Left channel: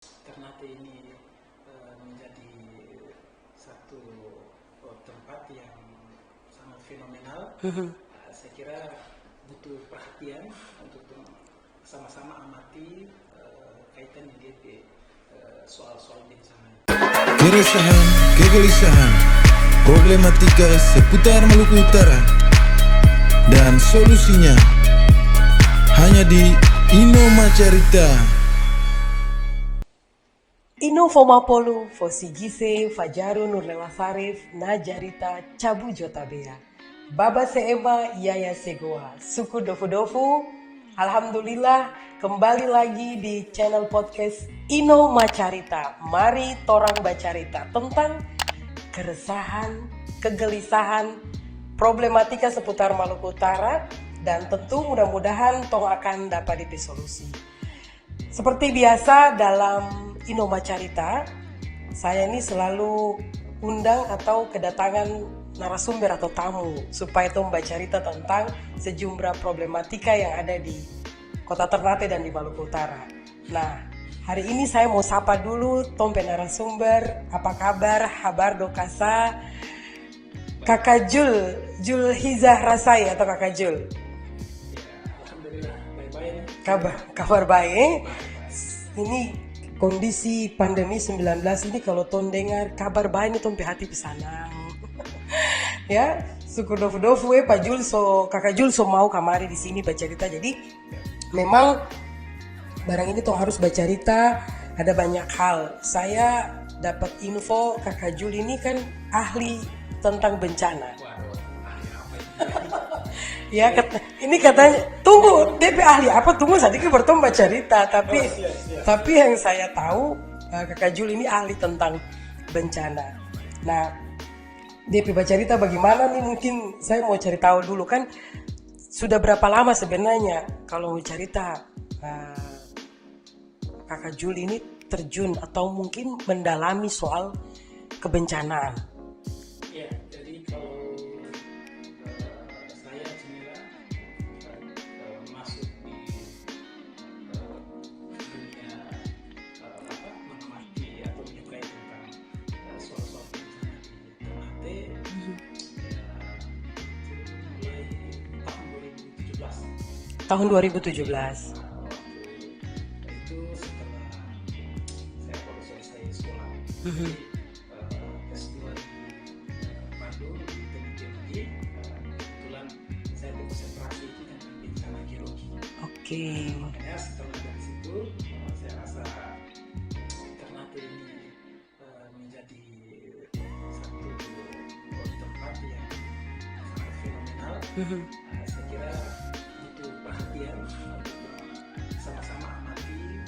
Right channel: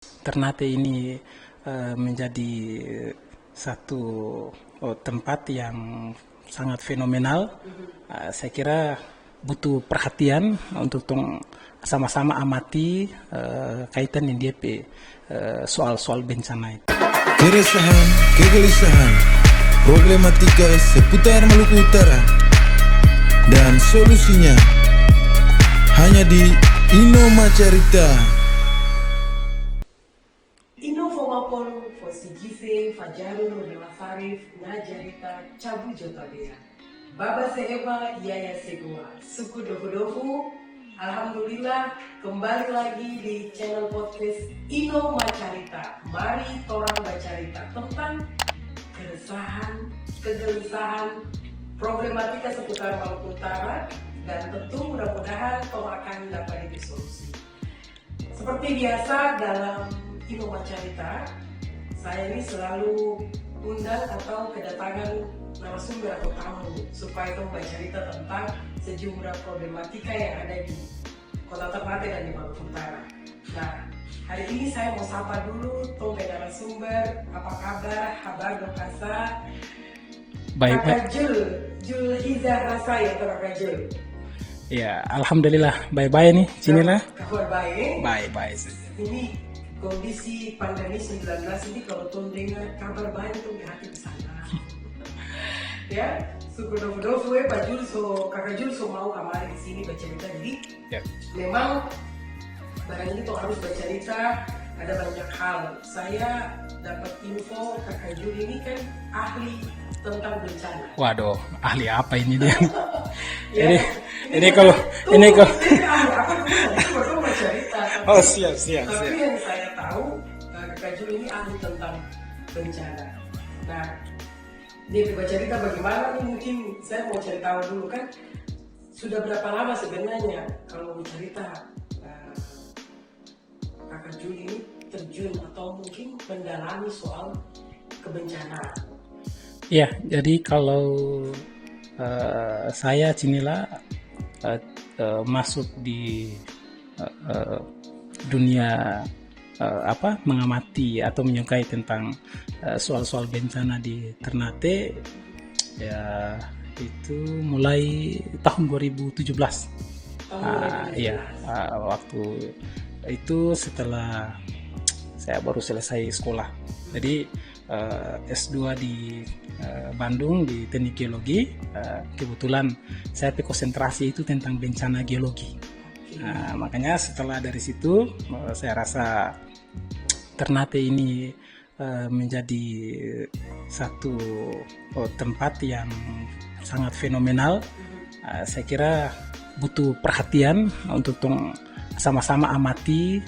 Ternate ini menjadi satu tempat yang sangat fenomenal. Saya kira butuh perhatian untuk sama-sama amati kaitan yang dia soal-soal bencana itu. Keresahan, kegelisahan, problematika seputar Maluku Utara dan solusinya hanya di Inoma Carita. Ino Fomapolu, Fosigise, Fajaru Nurlela Sarif, Najarita, Cabu Jotabea. Baba Seeba, Yaya Segoa, Suku Dofu-Dofu. Alhamdulillah, kembali lagi di channel podcast Ino Macarita. Mari torang bacarita tentang keresahan, kegelisahan, problematika seputar Maluku Utara, dan tentu mudah-mudahan tong akan dapat disolusi. Seperti biasa dalam Inoma Carita, saya ini selalu undang atau kedatangan narasumber atau tamu supaya Tom bercerita tentang sejumlah problematika yang ada di Kota Ternate dan di Maluku Utara. Nah, hari ini saya mau sapa dulu Tom narasumber. Apa kabar? Habar dokasa. Kakak Jul Hizah Rasai atau Kakak Jul? Ya, alhamdulillah baik-baik nih, Cimila. Kabar baik. Baik-baik. Ini kondisi pandemi 19 ini kalau Tom dengar kabar baik Tom hati pesana. Ya, suku dofu-dofu Pak Jul Kakak Jul mau kamari di sini bercerita. Jadi memang barang ini Tom harus bercerita, ada banyak hal. Saya dapat info Kakak Jul ini kan ahli tentang bencana. Waduh, ahli apa ini dia? Ya, ini katanya tunggu, dia ahli apa tunggu sedikit bertemu cerita, tapi tapi yang saya tahu Kakak Jul ini ahli tentang bencana. Nah, dia cerita bagaimana nih, mungkin saya mau cari tahu dulu kan sudah berapa lama sebenarnya kalau mau cerita Kakak Jul ini terjun atau mungkin mendalami soal kebencanaan. Ya, jadi kalau saya Cinila masuk di dunia mengamati atau menyukai tentang soal-soal bencana di Ternate, ya itu mulai tahun 2017. Tahun 2017. Waktu itu setelah saya baru selesai sekolah. Jadi S2 di Bandung di Teknik Geologi. Kebetulan saya konsentrasi itu tentang bencana geologi. Nah, makanya setelah dari situ saya rasa Ternate ini menjadi satu tempat yang sangat fenomenal. Saya kira butuh perhatian untuk sama-sama amati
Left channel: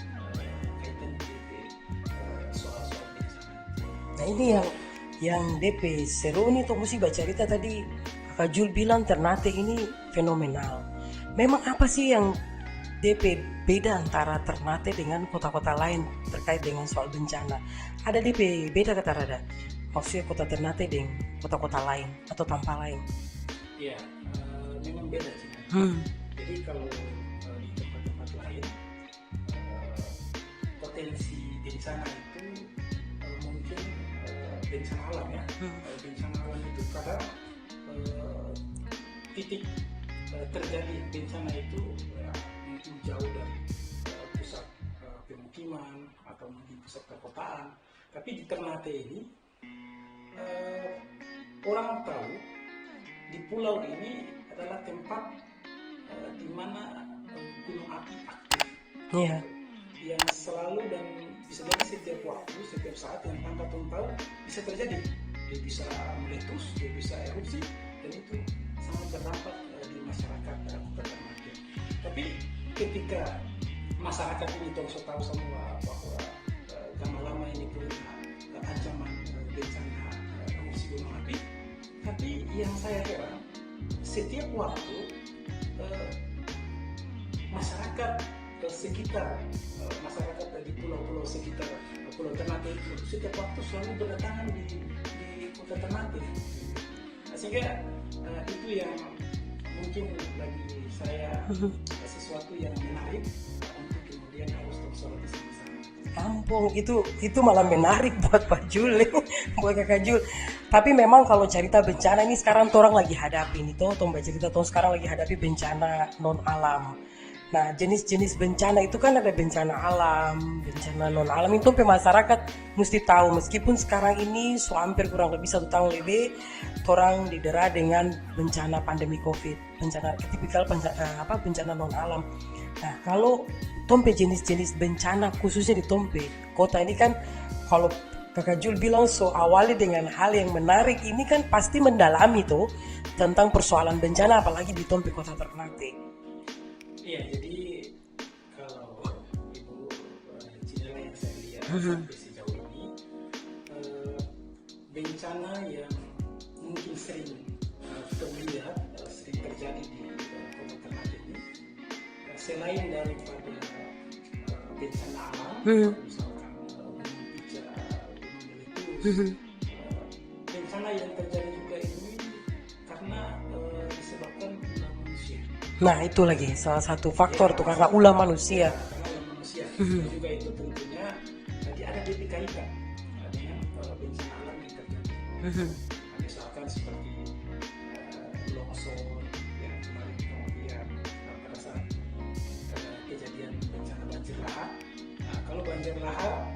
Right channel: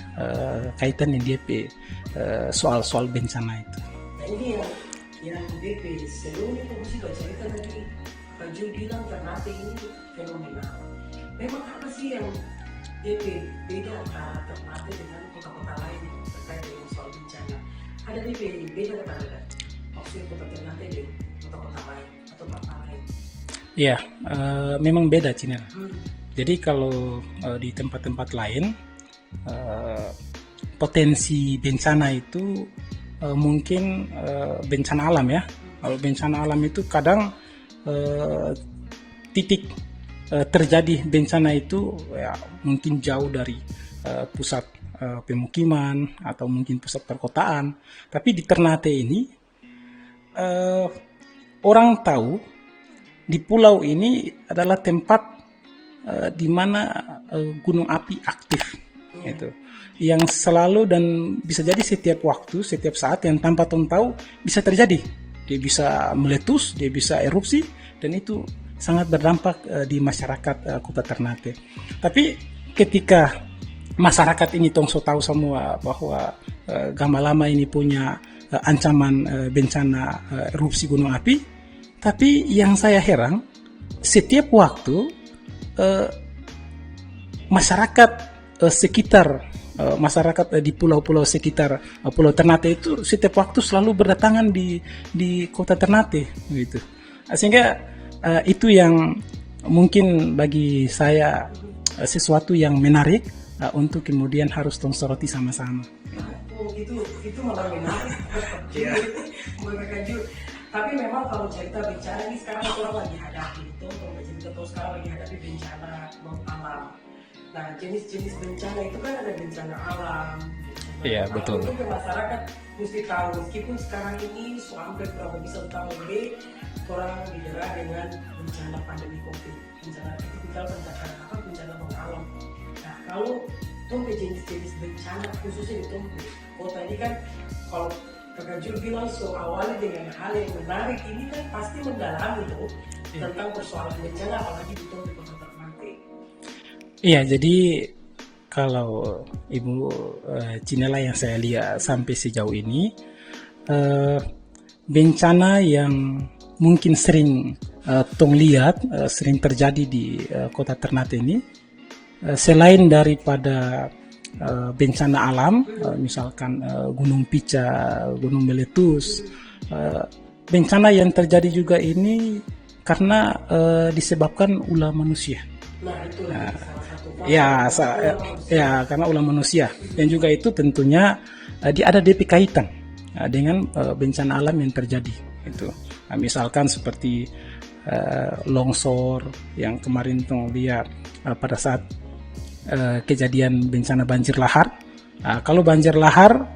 kaitan yang dia soal-soal bencana itu. Nah, ini yang DP seru nih tuh mesti baca cerita tadi Kak Jul bilang Ternate ini fenomenal. Memang apa sih yang DP beda antara Ternate dengan kota-kota lain terkait dengan soal bencana? Ada DP beda kata Rada? Maksudnya kota Ternate dengan kota-kota lain atau tanpa lain? Iya, memang beda Cina. Jadi kalau di tempat-tempat lain potensi bencana itu mungkin bencana alam ya. Kalau bencana alam itu kadang titik terjadi bencana itu ya mungkin jauh dari pusat pemukiman atau mungkin pusat perkotaan. Tapi di Ternate ini orang tahu di pulau ini adalah tempat di mana gunung api aktif. Gitu. Yang selalu dan bisa jadi setiap waktu, setiap saat yang tanpa tahu bisa terjadi. Dia bisa meletus, dia bisa erupsi, dan itu sangat berdampak di masyarakat Kota Ternate. Tapi ketika masyarakat ini tahu semua bahwa Gamalama ini punya ancaman bencana erupsi gunung api, tapi yang saya heran setiap waktu masyarakat sekitar masyarakat di pulau-pulau sekitar Pulau Ternate itu setiap waktu selalu berdatangan di Kota Ternate gitu. Sehingga itu yang mungkin bagi saya sesuatu yang menarik untuk kemudian harus tong soroti sama-sama. Kampung itu malah menarik buat Pak Jul, buat Kakak Jul. Tapi memang kalau cerita bencana ini sekarang orang lagi hadapi nih, tong cerita sekarang lagi hadapi bencana non alam. Nah, jenis-jenis bencana itu kan ada bencana alam, bencana non alam. Itu masyarakat mesti tahu, meskipun sekarang ini hampir kurang lebih 1 tahun lebih orang didera dengan bencana pandemi COVID, bencana tipikal bencana non alam. Nah, kalau Tompe jenis-jenis bencana khususnya di Tompe kota ini kan, kalau Kakak Jul bilang awali dengan hal yang menarik, ini kan pasti mendalami tuh tentang persoalan bencana apalagi di Tompe kota Ternate. Iya, jadi kalau Ibu Cinela yang saya lihat sampai sejauh ini, bencana yang mungkin sering tong lihat, sering terjadi di kota Ternate ini, selain daripada bencana alam, misalkan gunung pica, gunung meletus, bencana yang terjadi juga ini karena disebabkan ulah manusia. Nah, itu lagi salah satu faktor karena ulah manusia. Ya, karena ulah manusia. Dan juga itu tentunya dia ada DP kaitan dengan bencana alam yang terjadi. Gitu. Nah, misalkan seperti longsor yang kemarin lihat pada saat kejadian bencana banjir lahar. Nah, kalau banjir lahar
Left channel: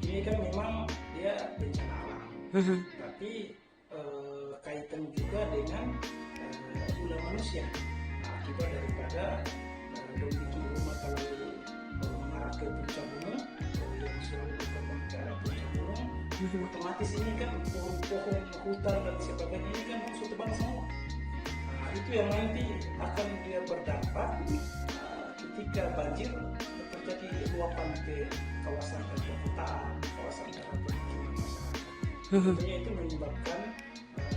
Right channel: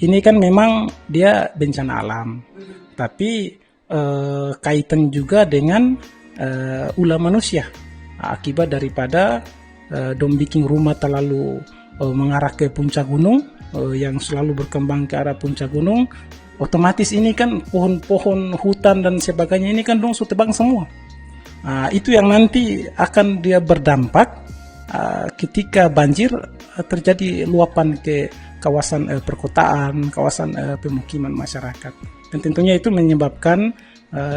ini kan memang dia bencana alam, tapi kaitan juga dengan ulah manusia. Akibat daripada dong bikin rumah terlalu mengarah ke puncak gunung, yang selalu berkembang ke arah puncak gunung, otomatis ini kan pohon-pohon hutan dan sebagainya ini kan dong sudah tebang semua. Itu yang nanti akan dia berdampak ketika banjir terjadi luapan ke kawasan perkotaan, kawasan pemukiman masyarakat. Dan tentunya itu menyebabkan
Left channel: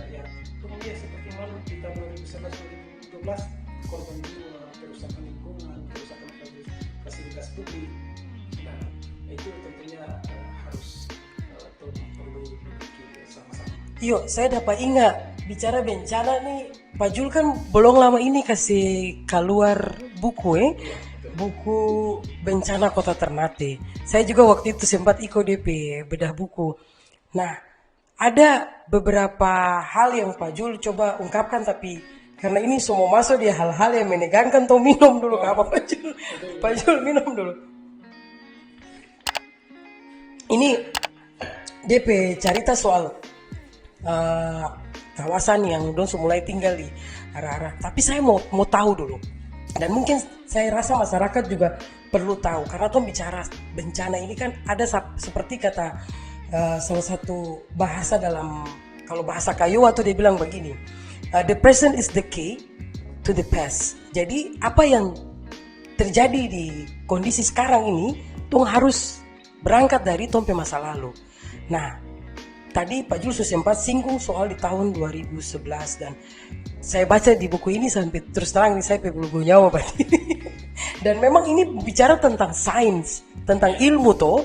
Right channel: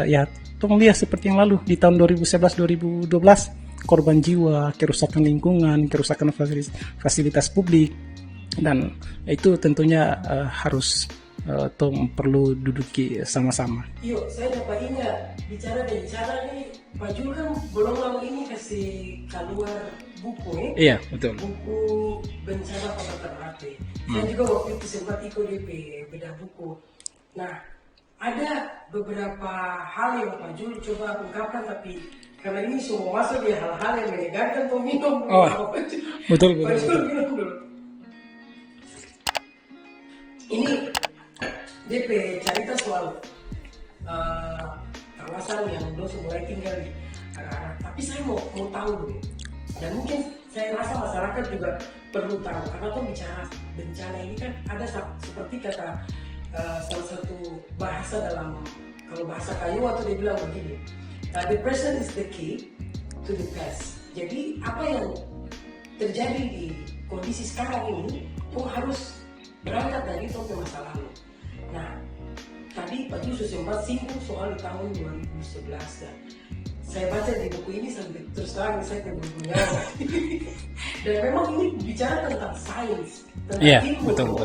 ya tong lihat seperti yang lalu di tahun 2011-2012, korban jiwa, kerusakan lingkungan, kerusakan fasilitas publik, dan itu tentunya harus tong perlu duduki sama-sama. Yo, saya dapat ingat bicara bencana nih, Pak Jul kan belum lama ini kasih keluar buku Iya, betul. Buku Bencana Kota Ternate. Saya juga waktu itu sempat ikut DP bedah buku. Nah, ada beberapa hal yang Pak Jul coba ungkapkan, tapi karena ini semua masuk di hal-hal yang menegangkan, tuh minum dulu apa Pak Jul. Betul. Pak Jul minum dulu. Ini DP cerita soal kawasan yang dong mulai tinggal di arah-arah. Tapi saya mau tahu dulu, dan mungkin saya rasa masyarakat juga perlu tahu, karena tuh bicara bencana ini kan ada seperti kata salah satu bahasa dalam, kalau bahasa kayu atau dia bilang begini, the present is the key to the past. Jadi apa yang terjadi di kondisi sekarang ini tuh harus berangkat dari tompe masa lalu. Nah, tadi Pak Jul sempat singgung soal di tahun 2011, dan saya baca di buku ini sampai terus terang ini saya belum nyawa berarti. Dan memang ini bicara tentang sains, tentang ilmu betul.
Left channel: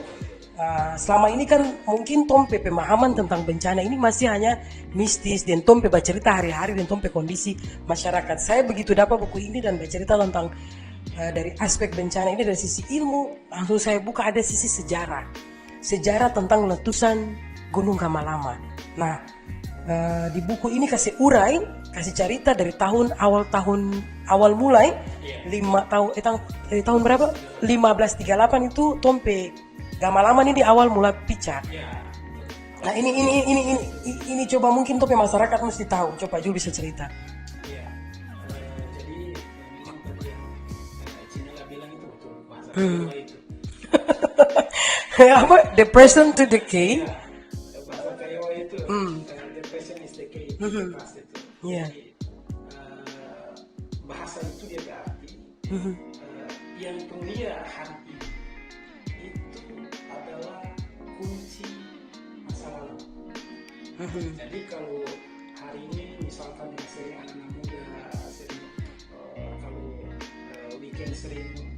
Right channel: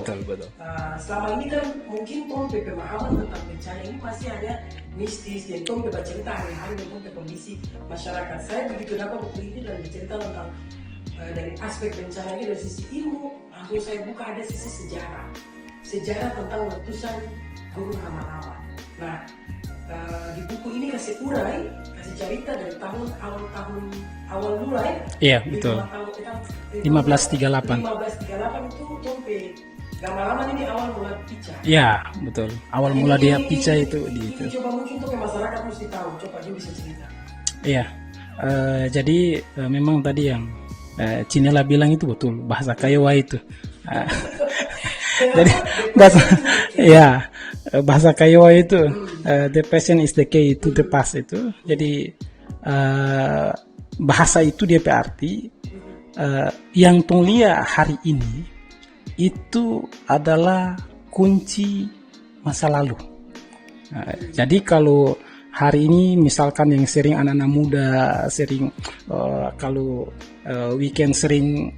Selama ini kan mungkin tompe pemahaman tentang bencana ini masih hanya mistis, dan tompe bercerita hari-hari dan tompe kondisi masyarakat. Saya begitu dapat buku ini dan bercerita tentang dari aspek bencana ini dari sisi ilmu, langsung saya buka ada sisi sejarah tentang letusan Gunung Gamalama. Nah, di buku ini kasih cerita dari awal mulai. Iya, tahun berapa? 1538 itu tompe Gamalama ini awal mula pica. Iya, betul. Awal mula dia pica itu. Ini coba mungkin tompe masyarakat mesti tahu. Coba Jul bisa cerita. Iya. Jadi memang tadi yang Cinela bilang itu betul, bahasa Kiowa itu. The present to the key. Ya, bahasa Kiowa itu the present is the key to the past itu. Jadi bahasa itu dia arti yang tong lihat hari ini itu adalah kunci masa lalu. Jadi kalau hari ini misalkan yang sering anak-anak muda sering kalau weekend sering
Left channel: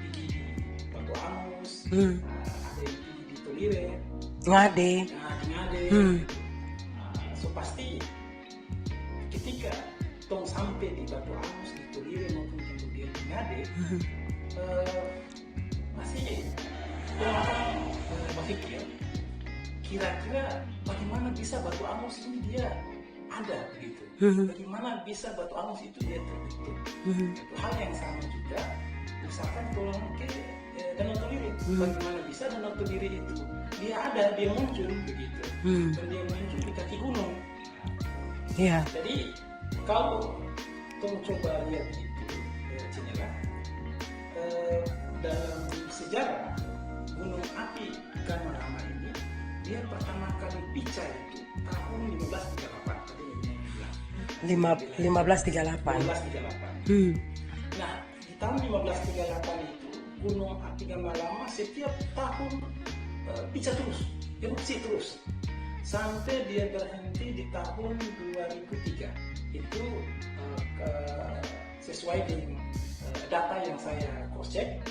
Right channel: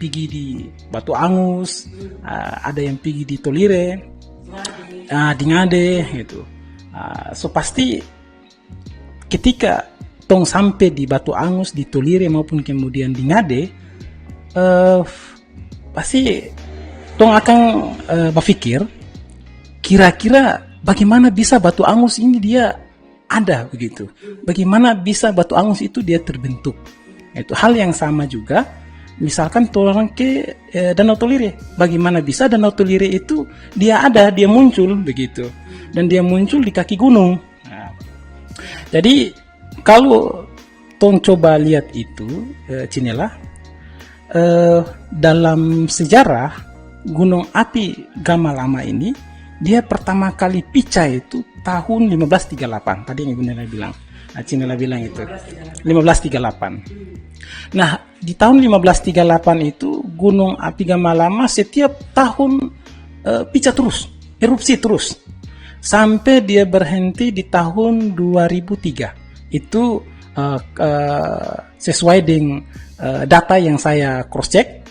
pergi di Batu Angus, ada yang pergi di Tolire, di Ngade gitu. So pasti ketika tong sampai di Batu Angus, di Tolire maupun kemudian di Ngade, pasti tong akan berpikir kira-kira bagaimana bisa batu angus ini dia ada begitu. Bagaimana bisa batu angus itu dia terbentuk. Itu hal yang sama juga. Misalkan orang ke Danau Tolire, bagaimana bisa Danau Tolire itu dia ada, dia muncul begitu, dan dia muncul di kaki gunung. Nah, jadi kalau tong coba lihat itu, Cinela, dalam sejarah gunung api Gamalama ini, dia pertama kali pecah itu tahun 1538. Tadi yang Ibu Nela bilang. Cinela bilang 1538. itu 1538. Nah, di tahun 1538 itu gunung api Gamalama setiap tahun pecah terus, erupsi terus, sampai dia berhenti di tahun 2003. Itu sesuai dengan data yang saya cross check,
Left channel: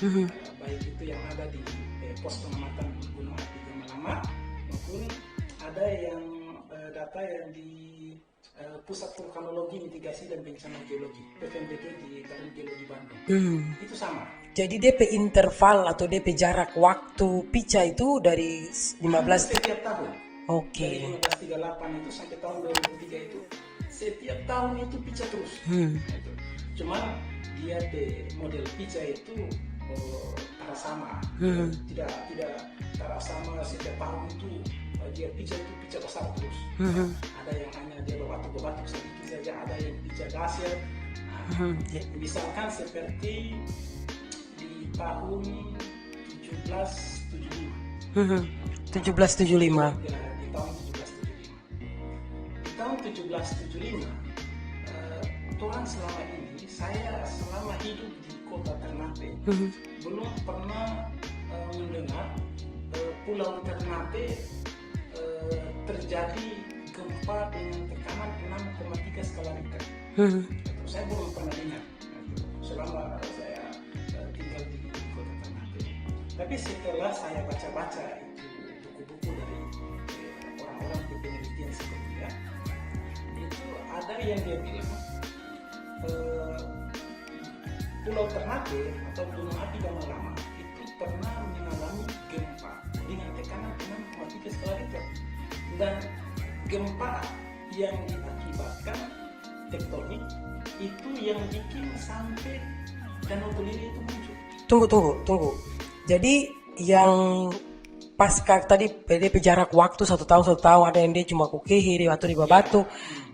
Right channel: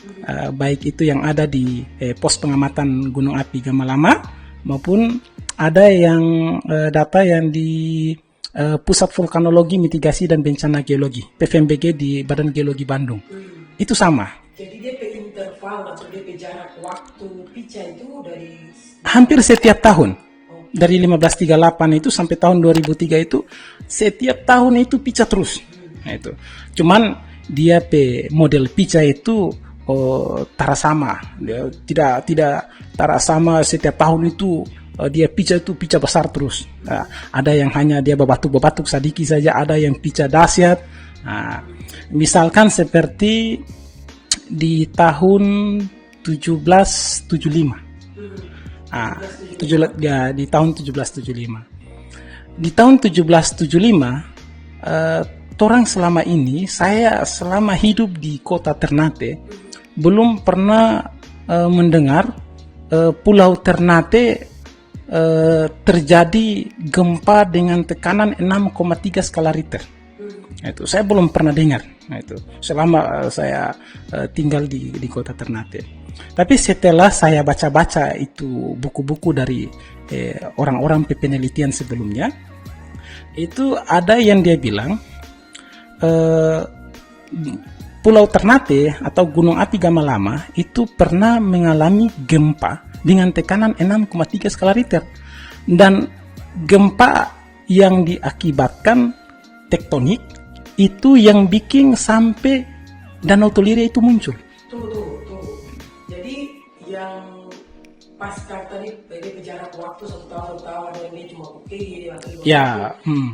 baik itu yang ada di pos pengamatan gunung api Gamalama maupun ada yang data yang di Pusat Vulkanologi, Mitigasi dan Bencana Geologi (PVMBG) di Badan Geologi Bandung. Itu sama. Jadi DP interval atau DP jarak waktu pecah itu dari Hampir setiap tahun. Oke. Dari 1538 itu sampai tahun 2003 itu setiap tahun itu pecah terus. Nah, itu. Cuman dia model pecah itu tara sama. Dia tidak tara sama setiap tahun itu. Dia pecah itu pecah besar terus. Ada yang hanya dia bebatuk-bebatuk sedikit saja, ada yang pecah dahsyat. Misalkan seperti di tahun 1775. 1775. Ya, di tahun 1775. Di tahun 1775, orang selama ini, saya selama hidup di kota Ternate, belum pernah mendengar Pulau Ternate terjadi gempa dengan tekanan 6,3 skala Richter. Itu saya belum pernah dengar. Itu selama saya tinggal di kota Ternate. Tapi setelah saya baca-baca itu buku-buku dari orang-orang penelitian sebelumnya, itu ada yang dia bilang Pulau Ternate atau Gunung Api Gamalama itu pernah mengalami gempa dengan tekanan 6,3 skala Richter, dan gempa yang diakibatkan tektonik itu yang bikin sampai Danau Tolire itu muncul. Tunggu. Jadi yang pasca tadi PDP jarak waktu 1 tahun ada yang dia cuma kukehe dia waktu di batu.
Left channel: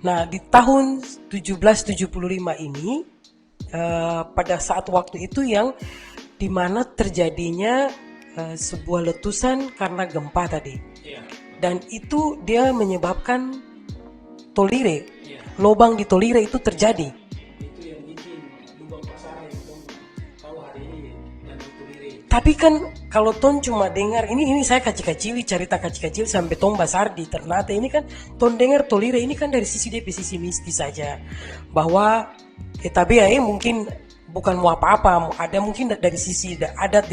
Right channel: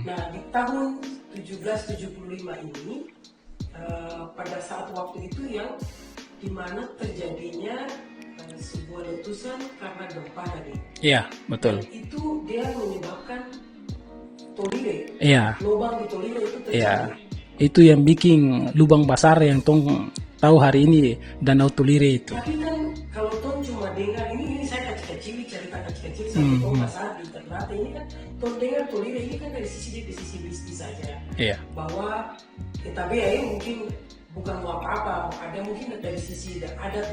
Nah, di tahun 1775 ini pada saat waktu itu yang dimana terjadinya sebuah letusan karena gempa tadi. Iya, betul. Dan itu dia menyebabkan Tolire. Iya. Lubang di Tolire itu terjadi. Ya, itu yang bikin lubang besar yang tong tahu hari ini Danau Tolire itu. Tapi kan kalau ton cuma dengar ini saya kecil-kecil cerita kecil-kecil sampai ton besar di Ternate ini kan ton dengar Tolire ini kan dari sisi sisi mistis saja. Iya. Bahwa tapi mungkin bukan mau apa-apa, ada mungkin dari sisi adat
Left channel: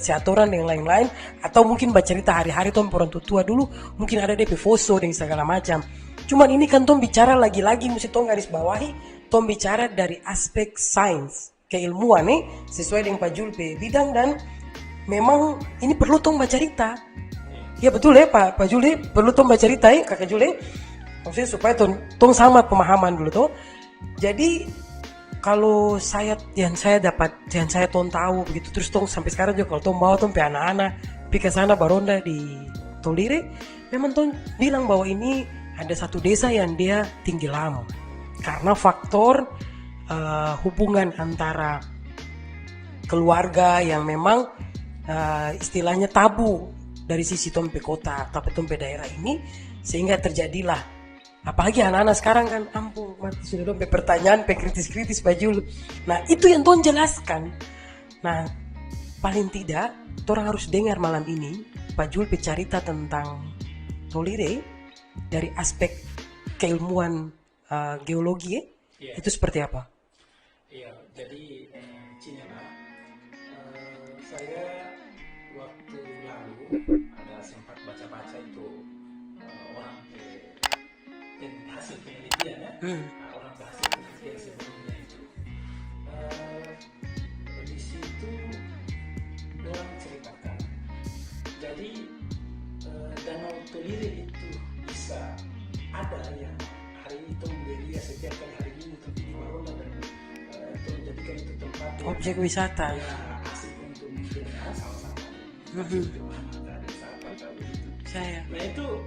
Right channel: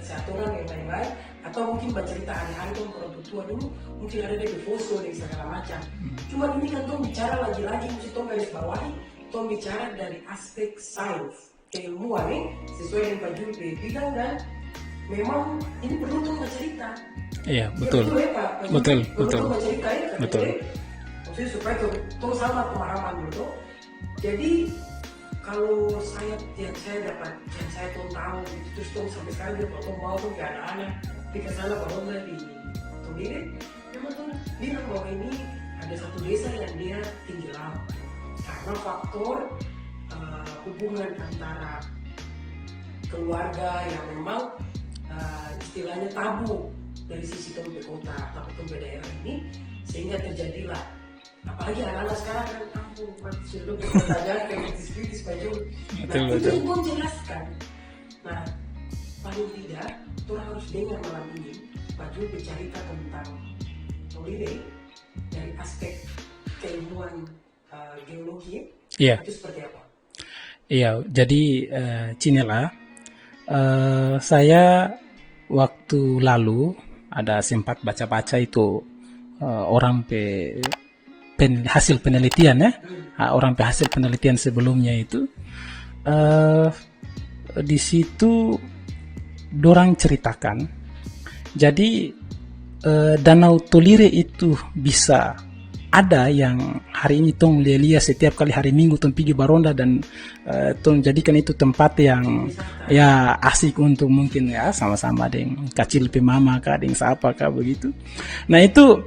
seatoran dan lain-lain, atau mungkin bercerita hari-hari ton orang tua dulu mungkin ada DP foso dan segala macam. Cuman ini kan ton bicara lagi-lagi mesti ton garis bawahi, ton bicara dari aspek sains, keilmuan sesuai dengan Pak Jul bidang, dan memang ini perlu ton bercerita. Iya, betul. Ya betul ya Pak Jul, perlu ton bercerita Kakak Jul, maksudnya supaya ton sama pemahaman dulu tuh. Jadi kalau saya ton tahu begitu, terus tong sampai sekarang juga kalau tong bawa tong pe anak-anak pi ke sana baronda di Tolire, memang tong bilang bahwa ini ada satu desa yang dia tinggi lama karena faktor hubungan antara keluarga yang memang istilahnya tabu dari sisi tong pe kota atau tong pe daerah ini, sehingga terjadilah. Apalagi anak-anak sekarang kan ampun sudah dong pertanyaan kritis-kritis Bajul. Nah itu yang Ton jelaskan. Nah paling tidak orang harus dengar malam ini Bajul bercerita tentang Tolire dari aspek keilmuan geologi itu seperti apa? Iya, jadi Cinela, saya waktu lalu ada sempat baca-baca itu orang hasil penelitian orang hasil penelitian sebelumnya itu di situ dorang ceritakan. Jadi Danau Tolire itu bisa ada yang hari ini tong lihat setiap kali hari Minggu tong pergi baronda dan tong jadikan itu tempat yang wisata. ya asik untuk mungkin ya sama-sama dengan kecil pemama kah dengan siapa kah begitu. Nah itu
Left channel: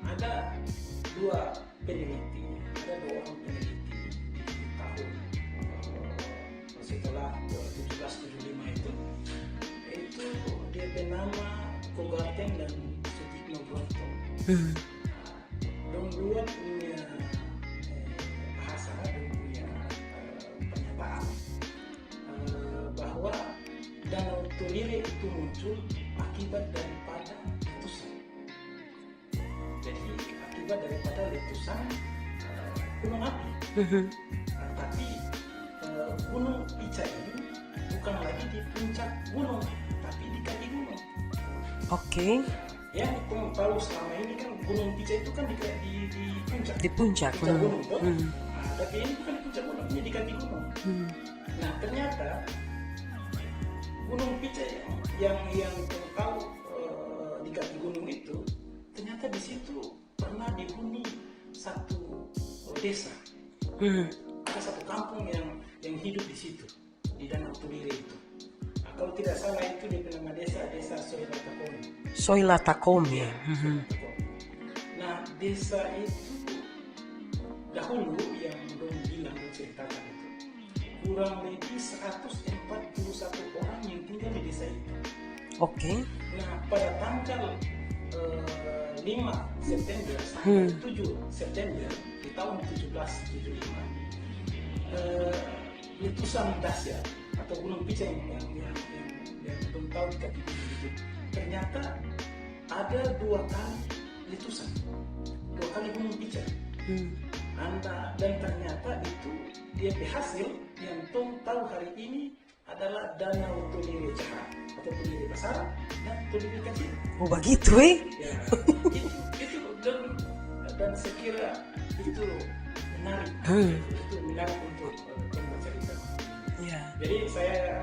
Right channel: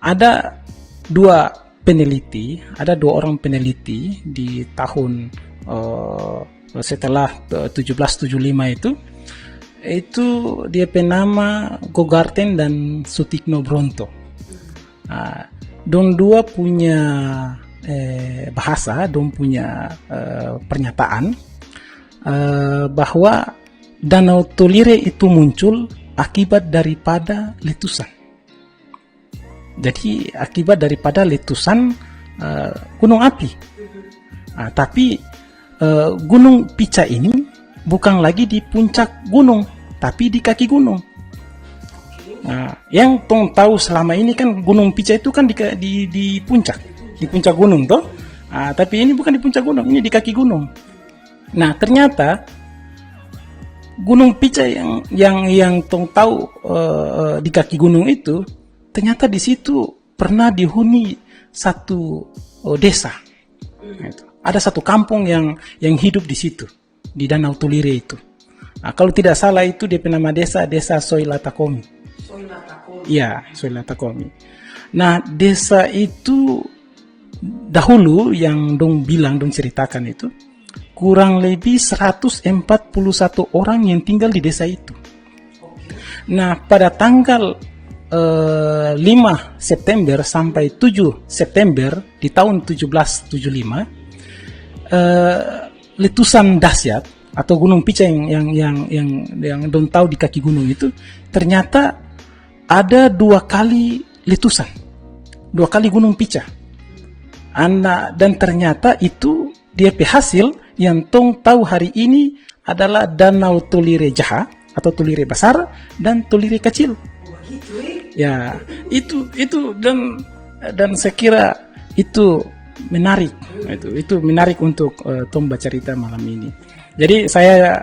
ada dua orang peneliti di tahun setelah 1775 itu dia penama Gogarten dan Sutikno Bronto. Dong dua punya bahasa, dong punya pernyataan bahwa Danau Tolire itu muncul akibat daripada letusan. Jadi akibat daripada letusan gunung api. Tapi Gunung Pica ini bukan lagi di puncak gunung, tapi di kaki gunung. Oke. Nah, yang tong tahu selama ini kan Gunung Pica itu kan di puncak, di puncak gunung toh. Tapi ini bukan di puncak gunung, ini di kaki gunung. Nah ternyata Gunung Pica yang tong tahu di kaki gunung itu ternyata di situ pernah dihuni satu desa. Ada satu kampung yang hidup di situ di Danau Tolire itu. Nah, kalau tidak salah itu dia nama desa Soilatakomi. Soilatakomi. Ya, Soilatakomi. Nah, desa itu dahulu yang dong ceritakan itu kurang lebih 141 orang yang tinggal di desa itu. Oke. Nah, pada tanggal 5 September sampai 7 September di tahun 1775 letusan dahsyat atau Gunung Pica yang dong tahu di kaki gunung itu ternyata ada 2 kali letusan, 2 kali Gunung Pica. Dan ternyata itu dia hasil yang tong tahu hari ini adalah Danau Tolire Jaha atau Tolire besar dan Tolire kecil. Oh begitu Ya, itu dan saya kira itu menarik. Itu menarik untuk tong bercerita malam ini. Jadi saya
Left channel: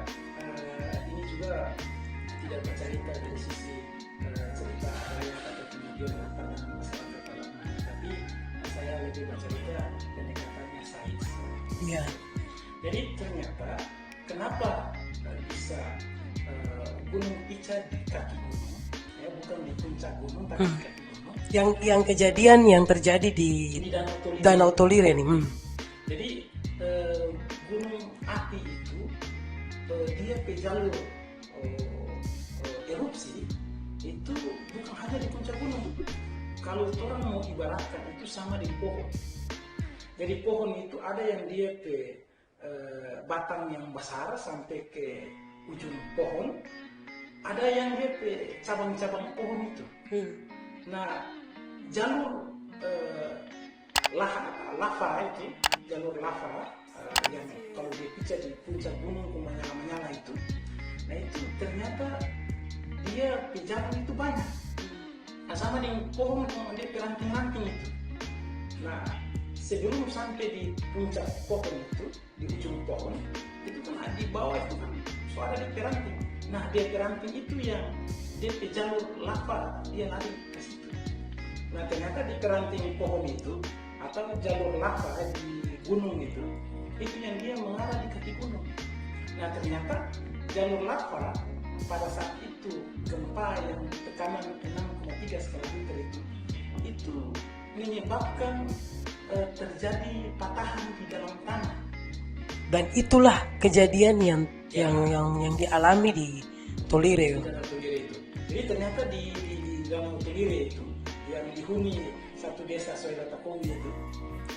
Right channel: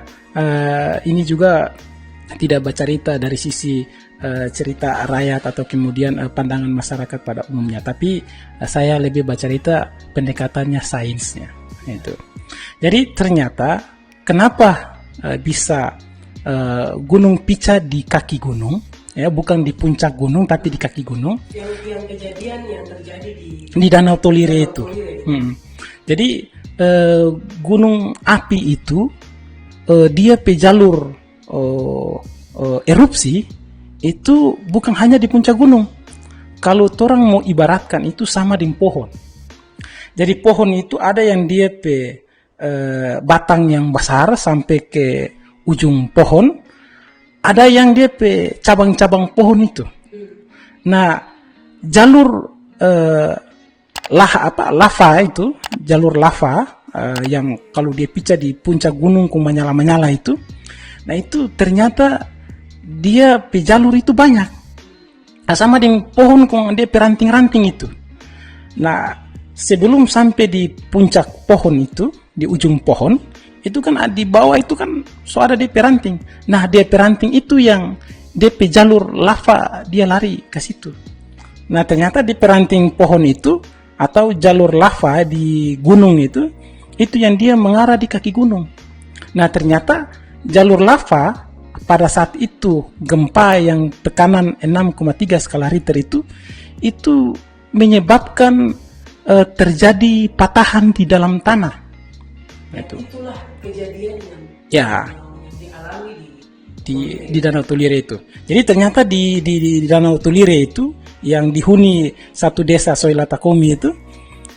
ini juga tidak bercerita dari sisi cerita rakyat atau kemudian pandangan masyarakat pada umumnya, tapi saya lebih bercerita pendekatannya sainsnya. Itu. Jadi ternyata kenapa bisa Gunung Pica di kaki gunung, ya bukan di puncak gunung tapi di kaki gunung. Yang kejadian yang terjadi di Danau Tolire. Danau Tolire nih. Jadi gunung api itu dia jalur erupsi itu bukan hanya di puncak gunung. Kalau orang mau ibaratkan itu sama dengan pohon. Jadi pohon itu ada yang dia batang yang besar sampai ke ujung pohon, ada yang dia cabang-cabang pohon itu. Nah, jalur lava itu, jalur lava yang kalau dia pica di puncak gunung ku menyala-menyala itu, nah itu ternyata dia jalur itu banyak. Nah, sama dengan pohon ku dia ranting-ranting itu. Nah, sebelum sampai di puncak pohon itu, di ujung pohon, itu kan di bawah itu kan ada DP ranting. Nah, DP ranting itu yang DP jalur lava dia lari ke situ. Nah, ternyata di ranting pohon itu atau jalur lava di gunung itu yang dia mengarah di kaki gunung. Nah, ternyata jalur lava pada saat itu gempa yang tekanan 6,3 skala Richter itu menyebabkan terjadi patahan di dalam tanah. Dan itulah kejadian yang dialami di Danau Tolire itu. Jadi ternyata di Danau Tolire itu yang dihuni satu desa Soilatakomi itu,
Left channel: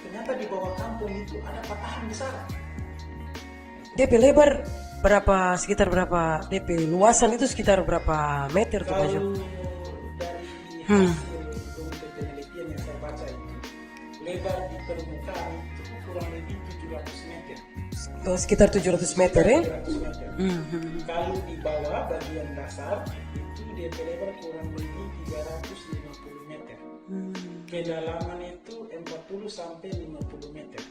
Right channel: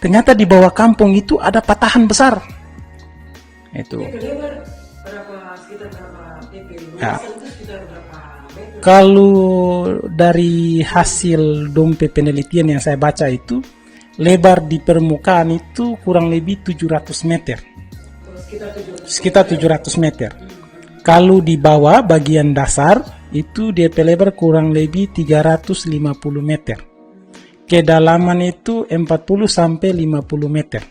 ternyata di bawah kampung itu ada patahan besar. Itu. DP lebar sekitar berapa? DP luasan itu sekitar berapa meter? Kalau dari hasil dompe penelitian yang saya baca itu, lebar di permukaan itu kurang lebih 700 meter. Sekitar 700 meter. Sekitar 700 meter. Kalau di bawah bagian dasar itu dia lebar kurang lebih 350 meter. Kedalaman itu 40 sampai 50 meter.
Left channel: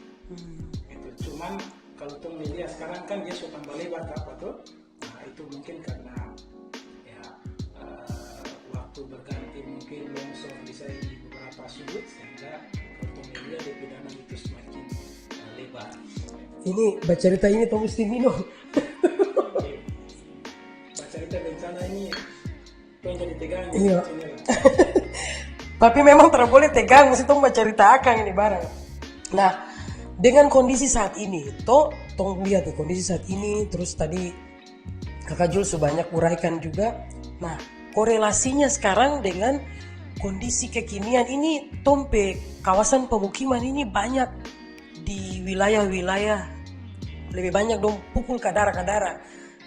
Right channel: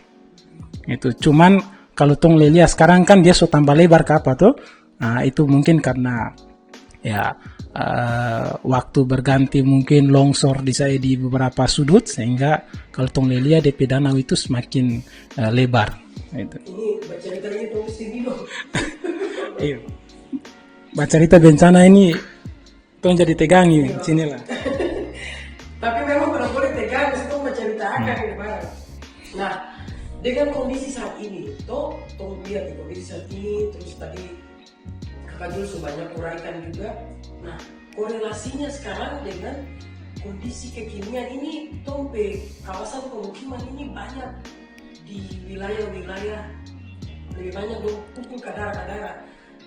Itu cuman kalau tong lihat sekarang kan dia so tambah lebar ke apa tuh. Nah, itu mungkin karena ya waktu berganti mungkin longsor di beberapa sudut, sehingga kalau tong lihat DP danau itu semakin lebar. Gitu. Ini baca cerita ini tong mesti minum. Iya. Baca cerita bencana ini tong jadi tegangi sini lah. Tapi memang tidak boleh tegang, mesti tong baca cerita akan nih barang. Nah, dengan kondisi saat ini, tong lihat nih kondisi saat ini, terus tadi Kakak Jul sebanyak uraikan juga. Nah, korelasinya sekarang dengan kondisi kekinian ini, tompe kawasan pemukiman ini banyak di wilayah-wilayah, lebih banyak dong pukul kadara-kadara,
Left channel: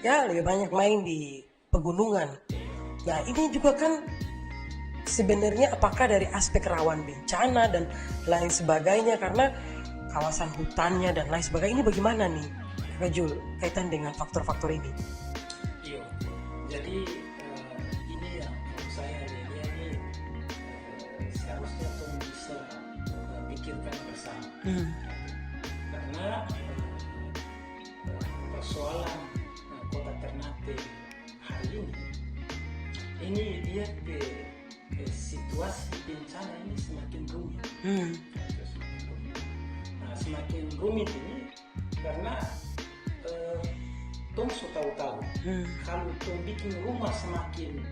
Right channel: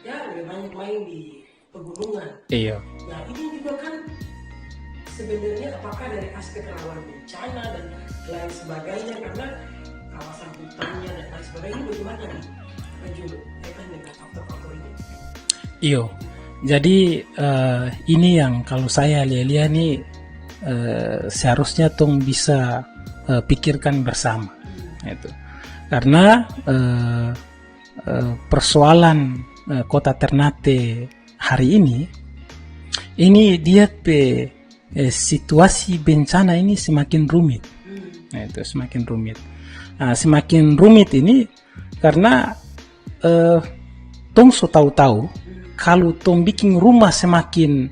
ya lebih banyak main di pegunungan. Iya. Nah, ini juga kan sebenarnya apakah dari aspek rawan bencana dan lain sebagainya, karena kawasan hutannya dan lain sebagainya, ini bagaimana nih Kak Jul kaitan dengan faktor-faktor ini? Iyo, jadi ini yang kalau saya lihat nih seharusnya tong bisa pikirkan bersama, itu karena persoalan kota Ternate hari ini dia situasi bencana ini semakin rumit, itu semakin rumit. Nah, semakin rumit ini karena tong so tahu-tahu kalau tong bikin rumah semakin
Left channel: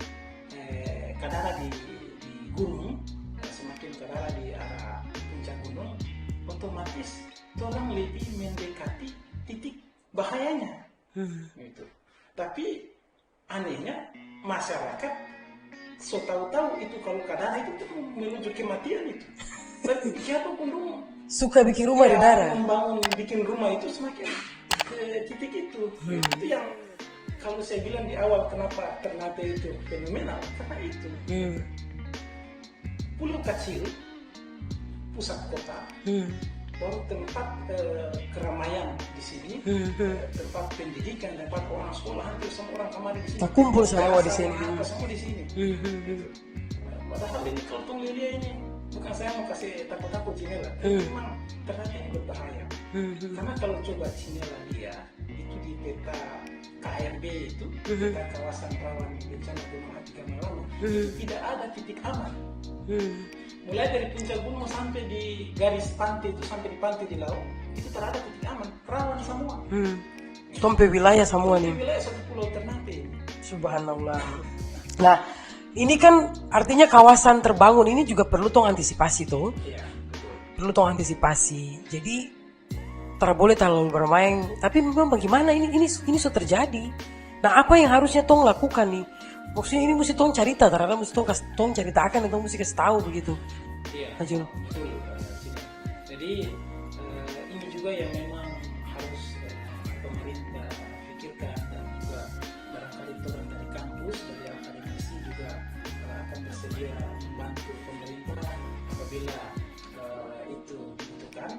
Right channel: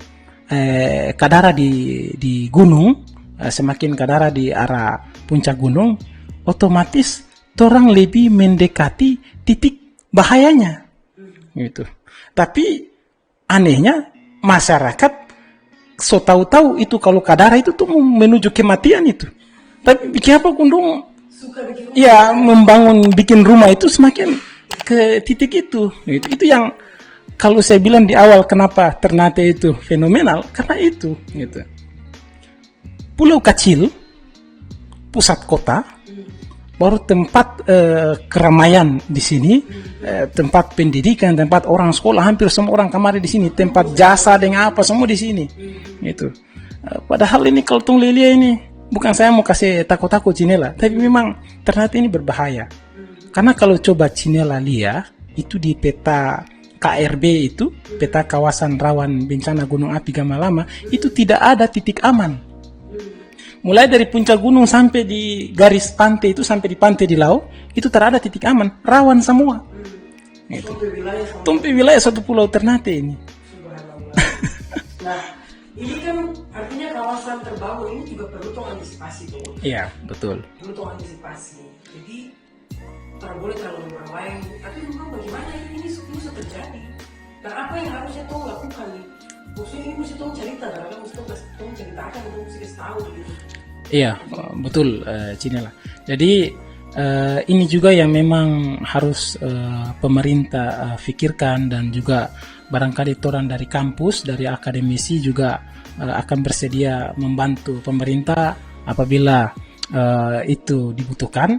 kadara di gunung, semakin kadara di arah puncak gunung, otomatis orang lebih mendekati titik bahayanya, gitu. Tapi anehnya masyarakat so tahu-tahu itu kalau kadara itu tuh menuju kematian itu, tapi bikin apa kundung suka bikin rumah? Ya, bikin rumah itu semakin ke titik itu. Itu yang kalau saya bilang di awal kenapa Ternate itu fenomenal, karena itu. Gitu. Pulau kecil, pusat kota, baru tempat keramaian di sini, tempat pendidikan, tempat orang sekolah, hampir semua orang kemarin di sini, tempat jasa dengan apa semua di sini. Itu. Padahal ini kalau tung lilia ini, bukan saya mau kasih takut-takut Cinela, tapi memang Ternate ini berbahaya. Karena kalau coba Cinela lihat, itu di peta KRB itu, peta kawasan rawan bencana gunung api Gamalama, itu tidak ada titik aman. Mulai dari puncak gunung sampai di garis pantai itu, sampai di pantai di laut, itu tidak ada titik aman, rawan semua. Tompe wilayah semua. Tompe wilayah satu pulau Ternate ini. Subhanallah. Nah, ini kan artinya kawasan terbangun ini juga perlu tong antisipasi tuh. Iya, betul. Perlu tong antisipasi. Jadi tidak boleh terlalu bermain. Tapi memang bagaimana ini sudah terjadi. Nah, apa yang harusnya tong lakukan nih? Maksudnya ini mesti tong cerita, ternyata mesti tong ceritakan, tong mesti kasih tahu begitu. Iya, betul, Cinela. Jadi ini juga yang memang harus pemerintah pikirkan, dan juga barangkali orang dari kampus, dari akademisi juga akan bersedia membantu pemerintah apabila itu dibutuhkan.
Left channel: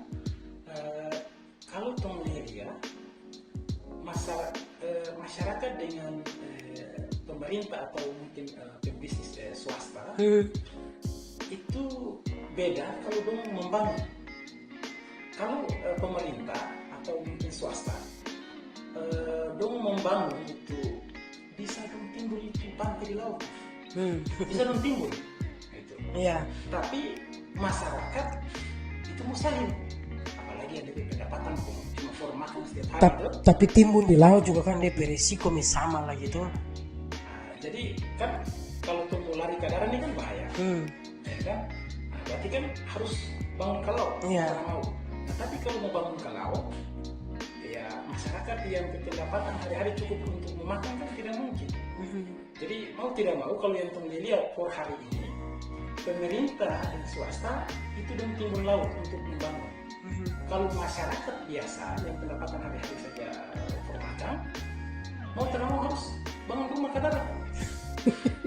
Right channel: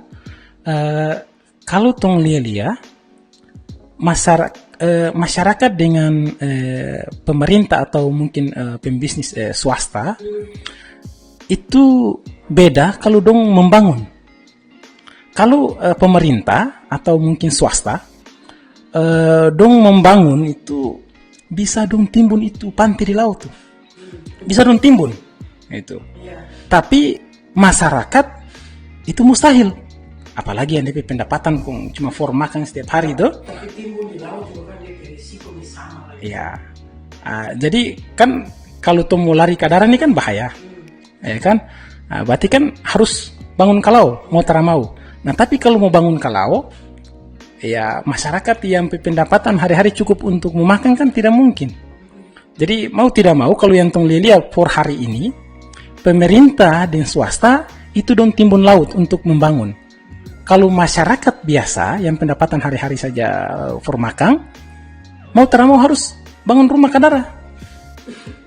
Kalau tong lihat masyarakat dengan pemerintah atau mungkin pembisnis swasta itu beda kalau dong membangun. Kalau pemerintah atau mungkin swasta dong membangun itu bisa dong timbun itu pantai di laut tuh. Bisa dong timbun itu. Tapi masyarakat itu mustahil. Apalagi yang DP pendapatan cuma for makan setiap hari itu. Tapi timbun di laut juga kan DP risiko sama lagi. Iya. Jadi kan kalau tuh mau lari ke darat ini kan bahaya, ya kan? Berarti kan harus bangun kalau mau teramau. Nah, tapi kalau mau bangun kalau, ya masyarakat yang pendapatan hari-hari cukup untuk memakan kan tidak mungkin. Jadi mau tidak mau kalau yang tong lihat for hari ini, pemerintah dan swasta itu dong timbun laut untuk membangun. Kalau masyarakat biasa yang pendapatan hari-hari saja for makan, mau teramau harus bangun rumah kadara.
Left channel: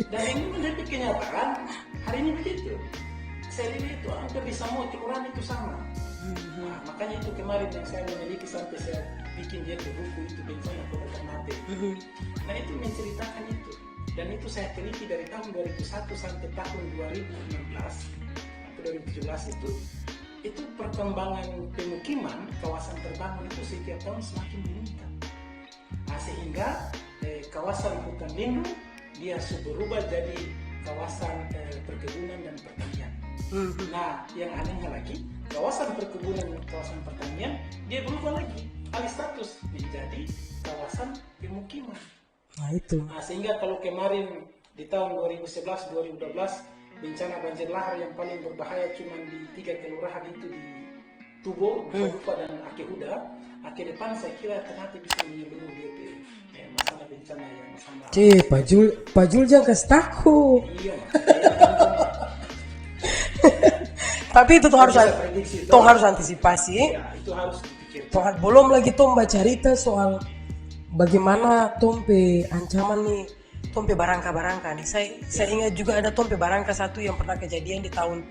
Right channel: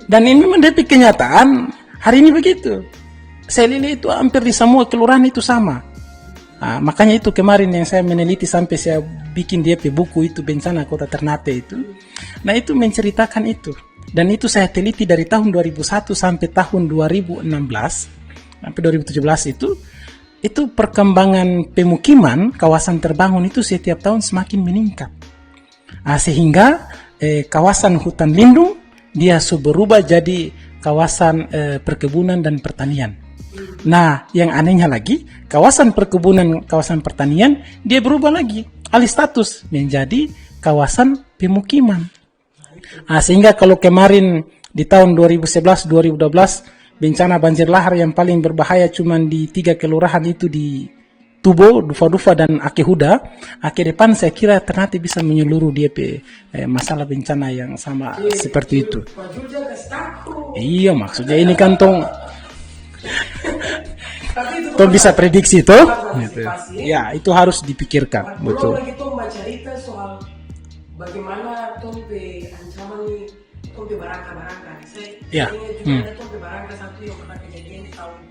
Dan ini memang dari kenyataan hari ini begitu. Saya lihat itu hampir di semua kelurahan itu sama. Nah, makanya itu kemarin yang saya meneliti sampai saya bikin dia buku itu bencana kota Ternate itu. Nah, itu menceritakan itu. Dan itu saya teliti dari tahun 2001 sampai tahun 2016 sampai 2017 itu. itu perkembangan pemukiman kawasan terbangun itu setiap tahun semakin meningkat. Sehingga kawasan hutan lindung dia berubah jadi kawasan perkebunan dan pertanian. Nah, yang anehnya lagi, kawasan perkebunan, kawasan pertanian dia berubah lagi, alih status menjadi kawasan pemukiman. Sehingga kalau kemarin di tahun 2011-2012 bencana banjir lahar yang paling berbahaya cuma di 3 kelurahan itu di Tubo, Dufa-Dufa dan Akehuda. Ke depan saya kira ternyata bisa menyeluruh dia masalah bencana yang sama seperti itu. Pak Jul jangan kasih takut. Iya, maksudnya ini kan tong tapi itu bisa prediksi tuh. Harus antisipasi. Ya, itu harus dipikirkan. Belum lagi tuh mbak cerita soal bagaimana tompe ancaman nih, tompe barangka nih. Saya ingat juga ada tompe barangka satu yang pernah kejadian di tahun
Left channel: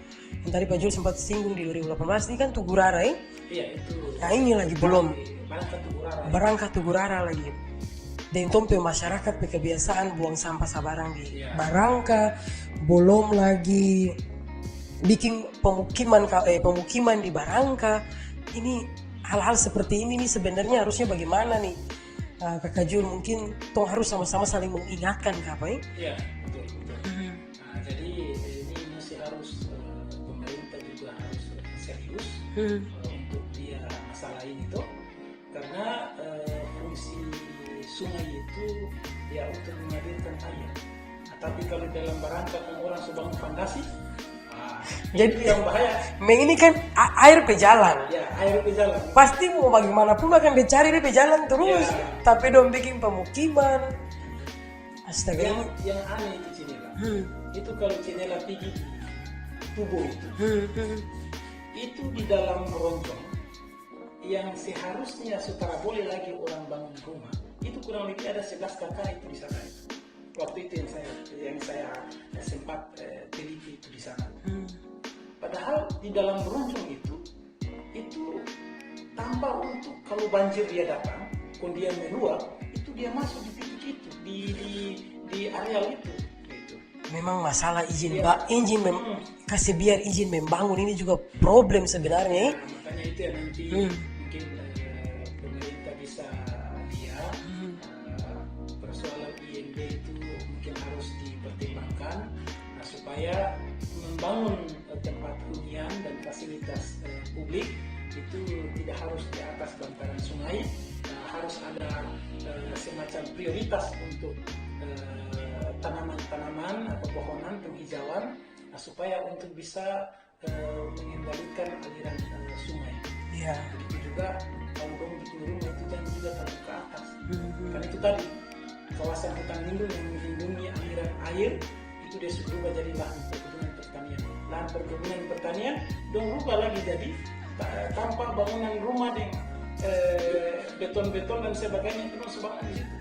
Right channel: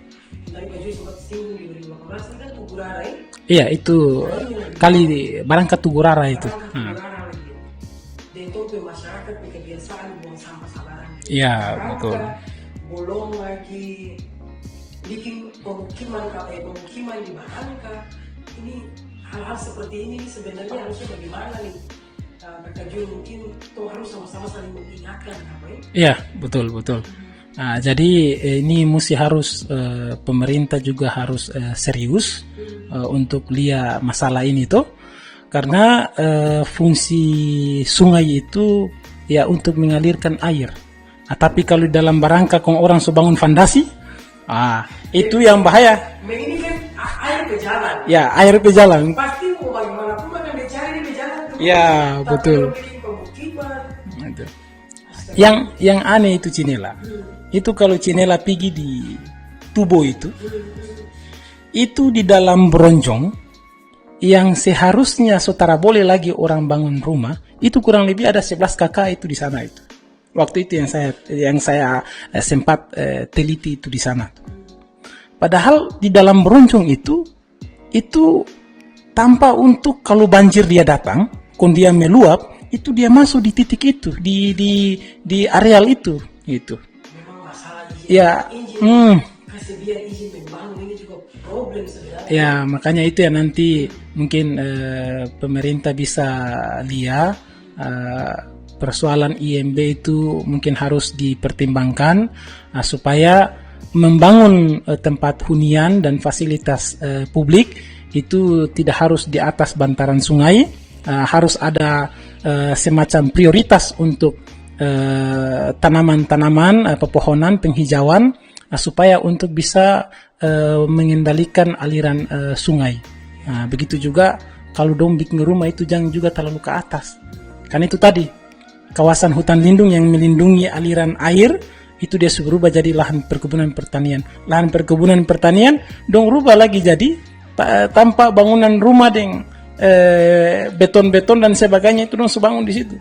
yang tadi Pak Jul sempat singgung di 2018 ini kan Tugurara ya? Iya, itu ini lagi kali barangka Tugurara itu. Barangka Tugurara lagi. Dan tompe masyarakat kebiasaan buang sampah sabarang di barangka, belum lagi bikin pemukiman di barangka. Ini hal-hal seperti ini nih sebenarnya harusnya bagaimana nih? Kakak Jul mungkin tong harus sama-sama saling mengingatkan apa ya? Iya, betul. Jadi ini mesti harus pemerintah juga harus serius untuk lihat masalah ini tuh, karena fungsi sungai itu ya untuk mengalirkan air. Tapi kalau dalam barangka kalau orang bangun fondasi, itu yang bahaya. Ini kan air pejalan. Ya, air pejalan. Pasti mau bagaimanapun akan dicari di pejalan terus. Ya, tapi betul. dong bikin pemukiman. Yang aneh itu Cinela. Itu kalau Cinela pergi di Tubo itu di dalam bronjong yang seharusnya saudara boleh lagi orang bangun rumah, itu kurang lebih ada 11 kakak itu di sana itu. Waktu itu yang saya sempat teliti itu di sana. Padahal di dalam bronjong itu tanpa untuk kalau banjir dia datang, kalau dia meluap, itu dia masuk di titik itu, di areal itu, gitu. Memang masalah izin, kasih biar izin membangun ini juga problem sebenarnya. Ya, makanya itu ya nanti mungkin pemerintah bisa lihat persoalan IMB itu mungkin harus dipertimbangkan supaya membangun tempat hunian dan fasilitas publik itu tidak harus di atas bantaran sungai, harus ada semacam prioritas untuk tanaman-tanaman, pepohonan, penghijauan supaya untuk bisa mengendalikan aliran sungai. Begitu juga kalau dong bikin rumah itu jangan juga terlalu ke atas, karena itu tadi kawasan hutan lindung yang melindungi aliran air itu dia berubah jadi lahan perkebunan pertanian. Lahan perkebunan pertanian dong rubah lagi jadi tanpa bangunan rumah dengan beton-beton dan sebagainya itu dong sebangun di situ.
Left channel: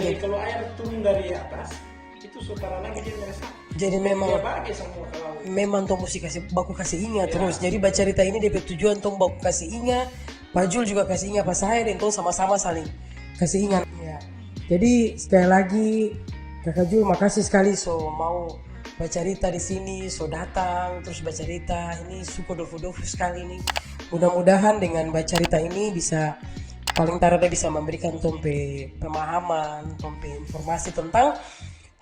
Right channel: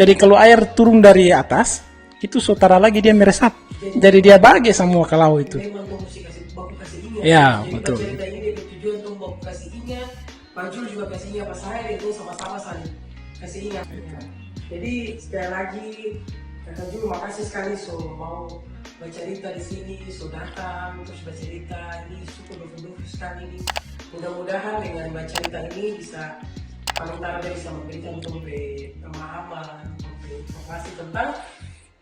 Jadi kalau air turun dari atas itu saudara lagi dia meresap. Jadi dia bagi semua ke laut itu. Memang tong mesti baku kasih ingat. Ya, jadi baca cerita ini dia bertujuan tong baku kasih ingat. Pak Jul juga kasih ingat, Pak saya dan tong sama-sama saling kasih ingat. Ya. Jadi sekali lagi Kakak Jul makasih sekali mau bercerita di sini, datang terus bercerita ini super dofu-dofu sekali ini. Mudah-mudahan dengan bercerita ini bisa paling tidak bisa memberikan tompe pemahaman, tompe informasi tentang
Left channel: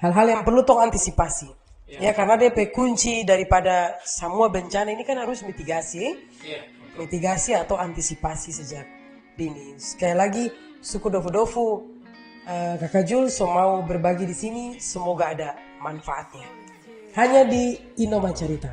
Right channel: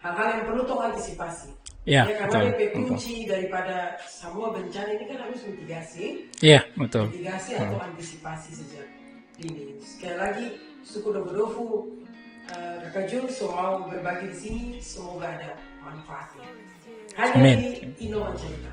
hal-hal yang perlu tong antisipasi. Ya karena DP kunci daripada semua bencana ini kan harus mitigasi. Iya, betul. Mitigasi atau antisipasi sejak dini. Sekali lagi suku dofu-dofu Kakak Jul mau berbagi di sini, semoga ada manfaatnya. Hanya di Inoma Cerita.